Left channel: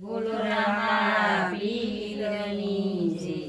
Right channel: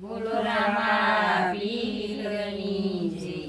બોલો રામા પીરની જય